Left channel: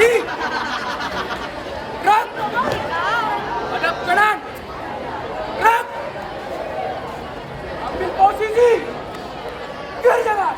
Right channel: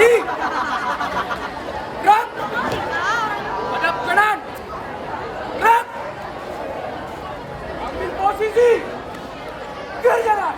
Di. Gerak. Hadap kanan. Gerak. Ambil posisi. Kerjakan.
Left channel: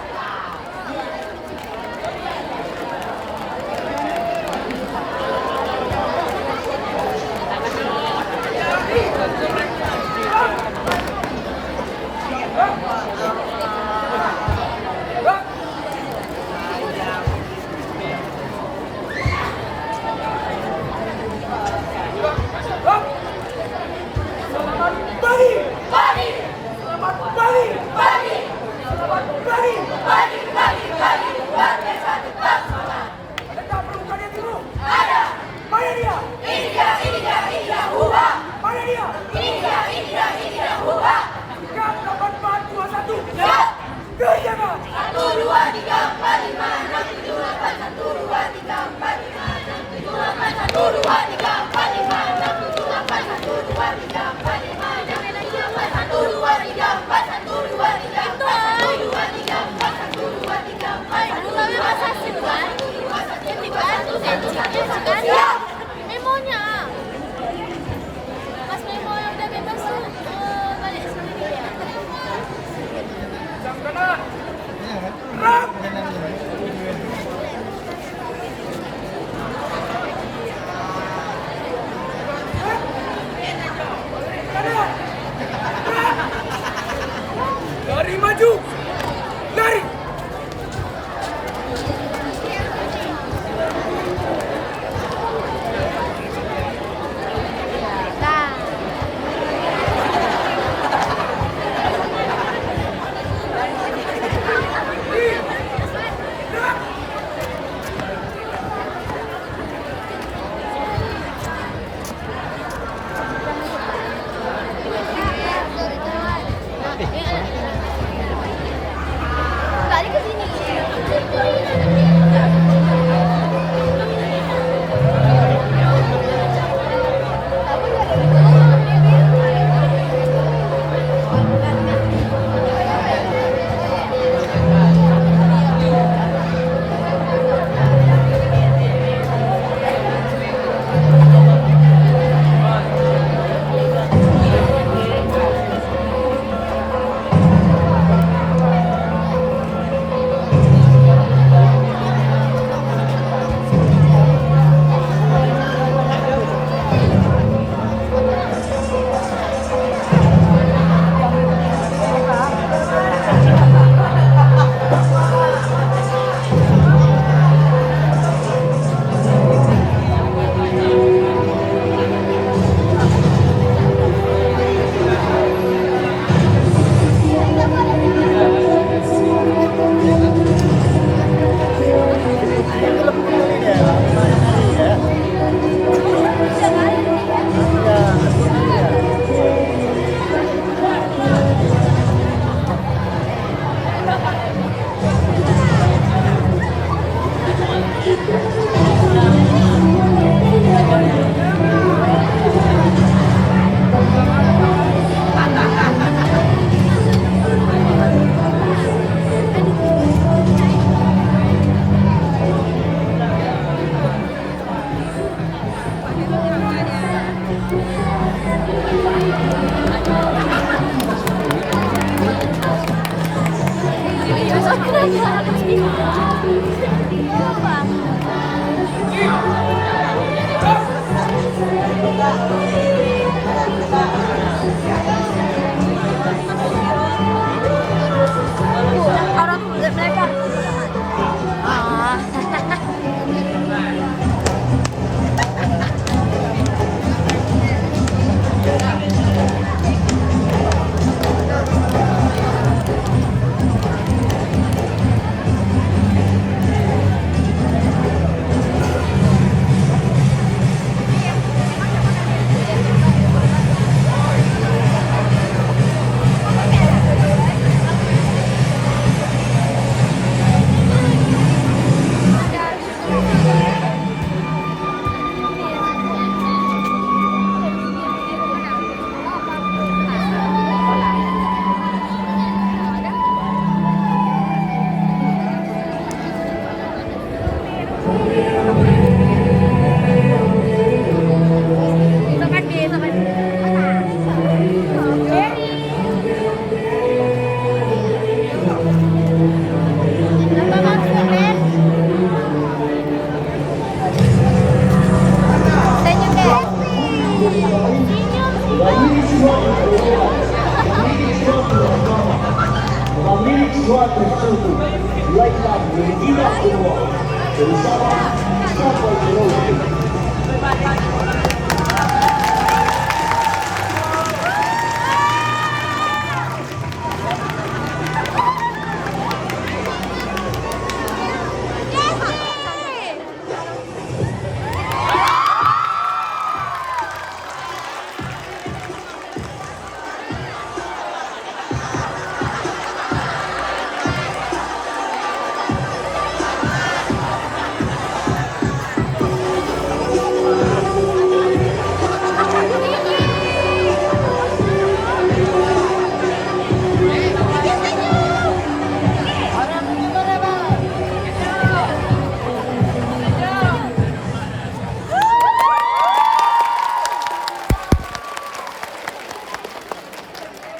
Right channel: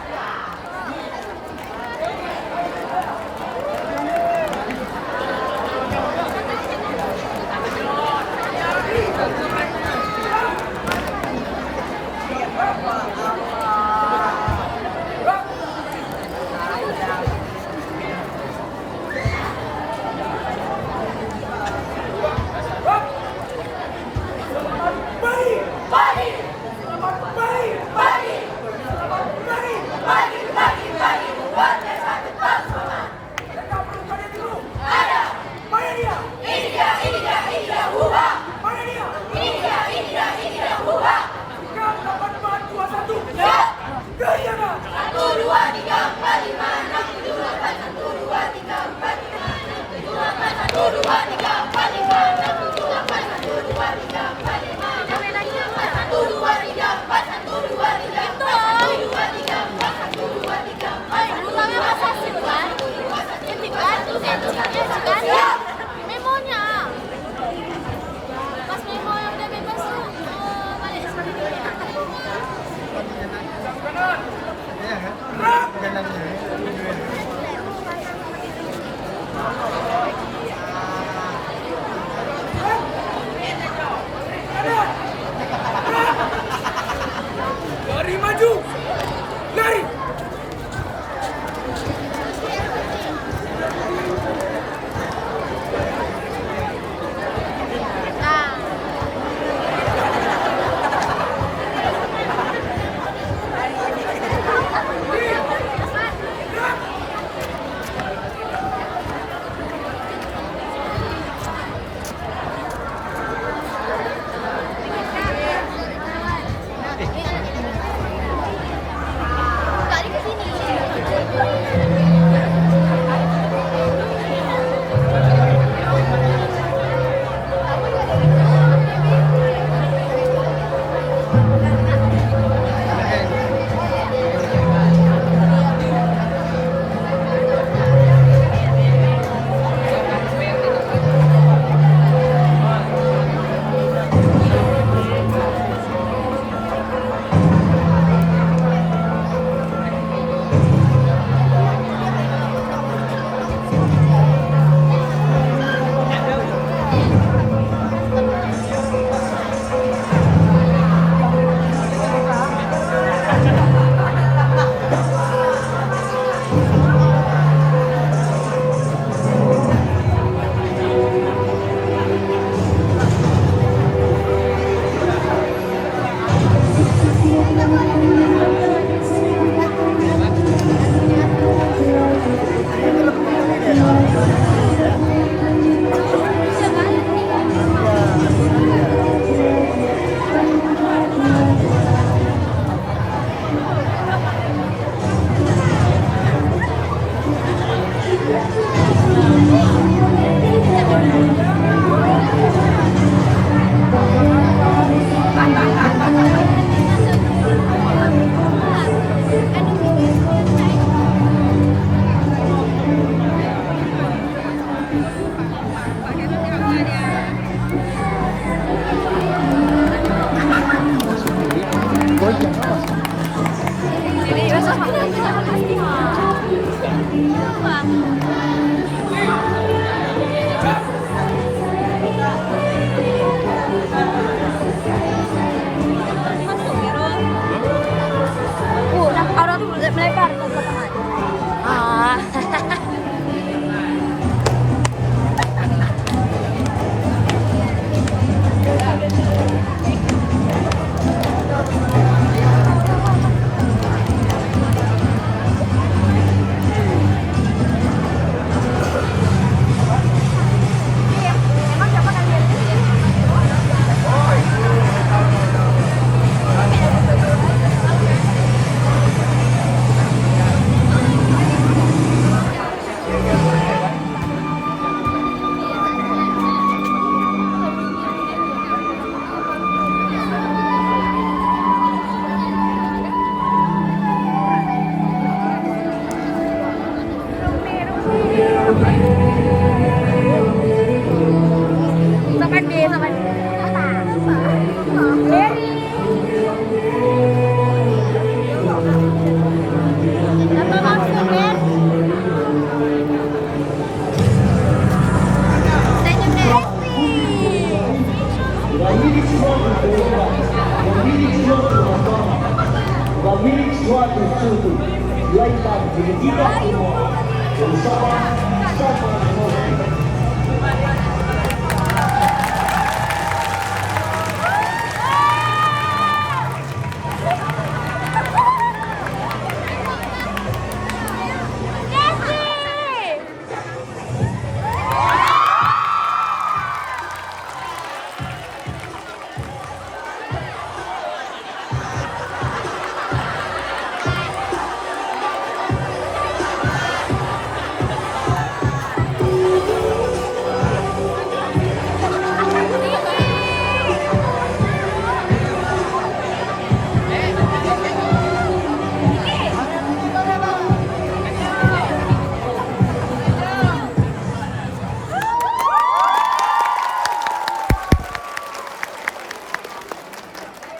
Selamat pagi. Pagi, Selamat pagi. pagi, Selamat pagi. pagi, pagi, pagi, luar biasa tetap semangat. Adakah perlu kalian dulu? Ada, Mana dia? ini dia, huha. Mana dia? Ini dia, huha. 3, 8, 4, 2, 1. Ya, Kerjakan. 1, 2, 3, 4, 5, 6, 7, 8, 1, 2, 3, 4, 5, 6, 7, 8, 1, 2, 3, 4, 5, 6, 7, 8, 1, 2, 3, 4, 5, 6, 7, 8, 1, 2, 3, 4, 1, 2, 3, 4, 1, 2, 3, 4, 1, 2, 3, 4, 1, 2, 1, 2, 1, siap. Memonya. Mas Memo yang udah bebas tuh. Balik sini. Jam kanan. Gerak. Kanan. Gerak. Lari maju. Lari. Balik ke sini.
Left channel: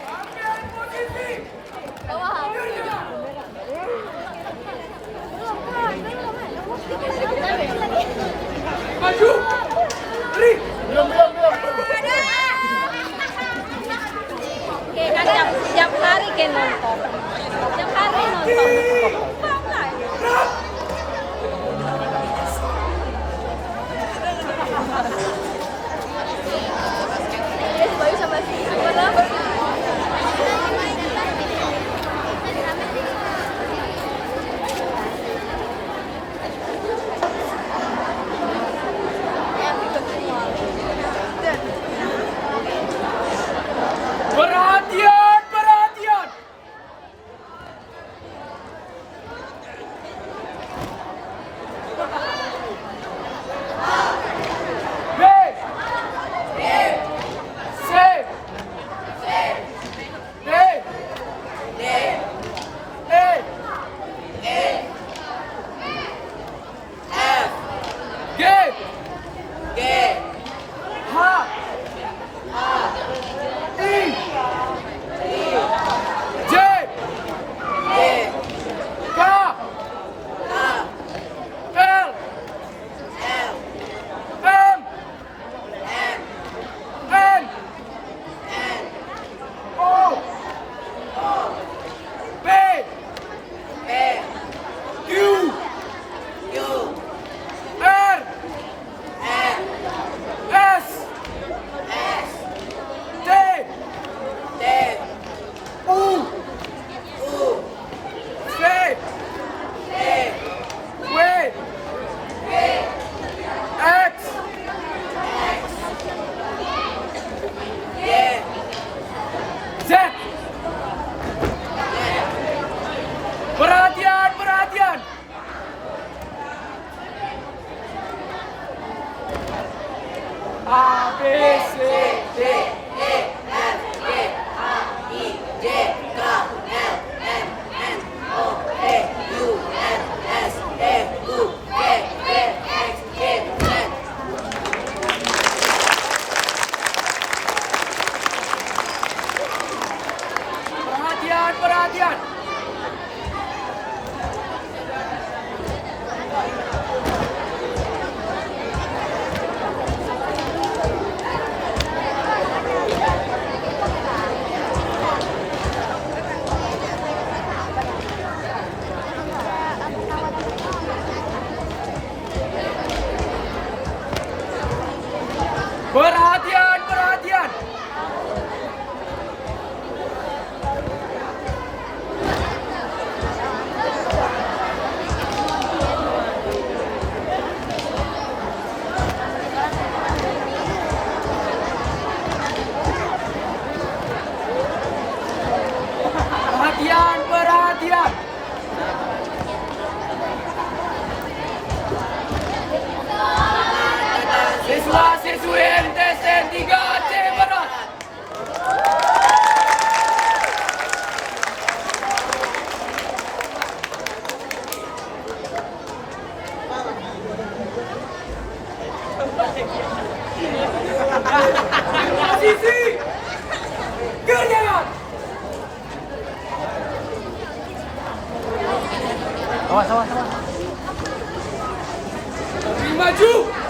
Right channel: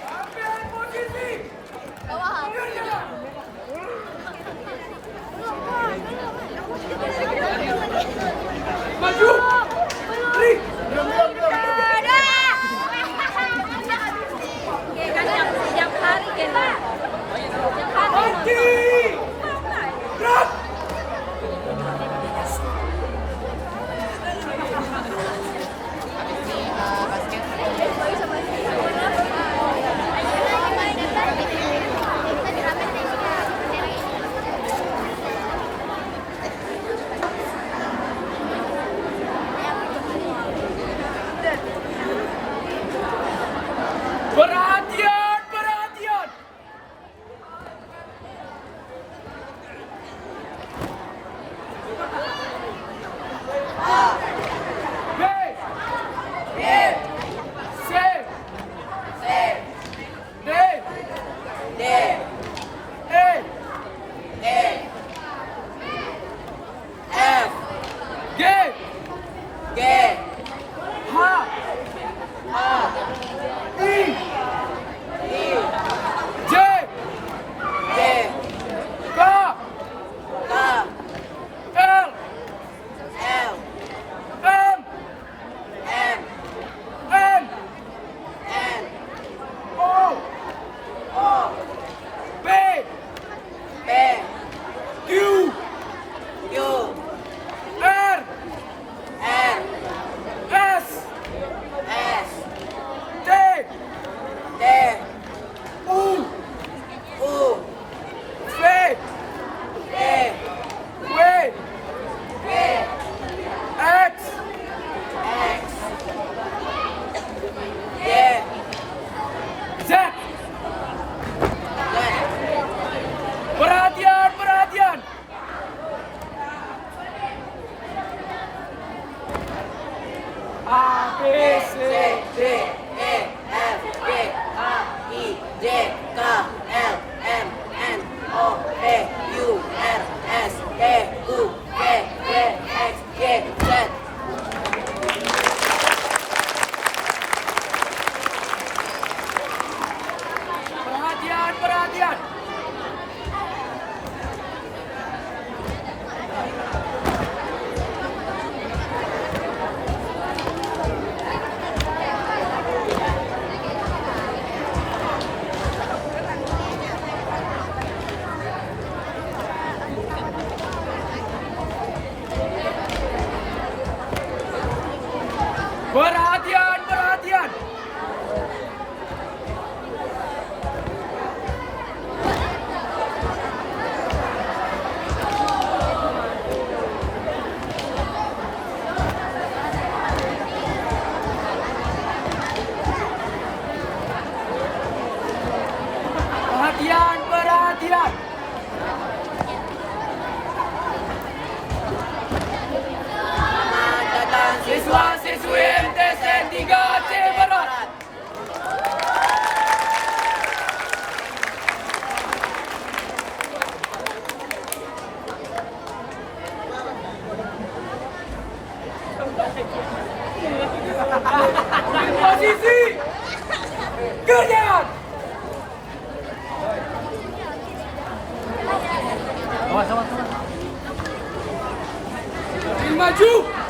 Ambil posisi. Mundur jangan. Maju. Lari. Tiap hari kena. Tiap hari. Gerak. Perhatian, perhatian. B. C. D. E. G. H. I. J. K. L. M. N. O. P. Q. R. S. T. U. V. W. X. Z. Perhatian, perhatian. A, B, C, D. Perhatian, perhatian. Perhatian, perhatian. Perhatian, perhatian. Siswa-siswi MTSN 3C Barat. Posisi. Gerak. Awas, awas, awas. Maju.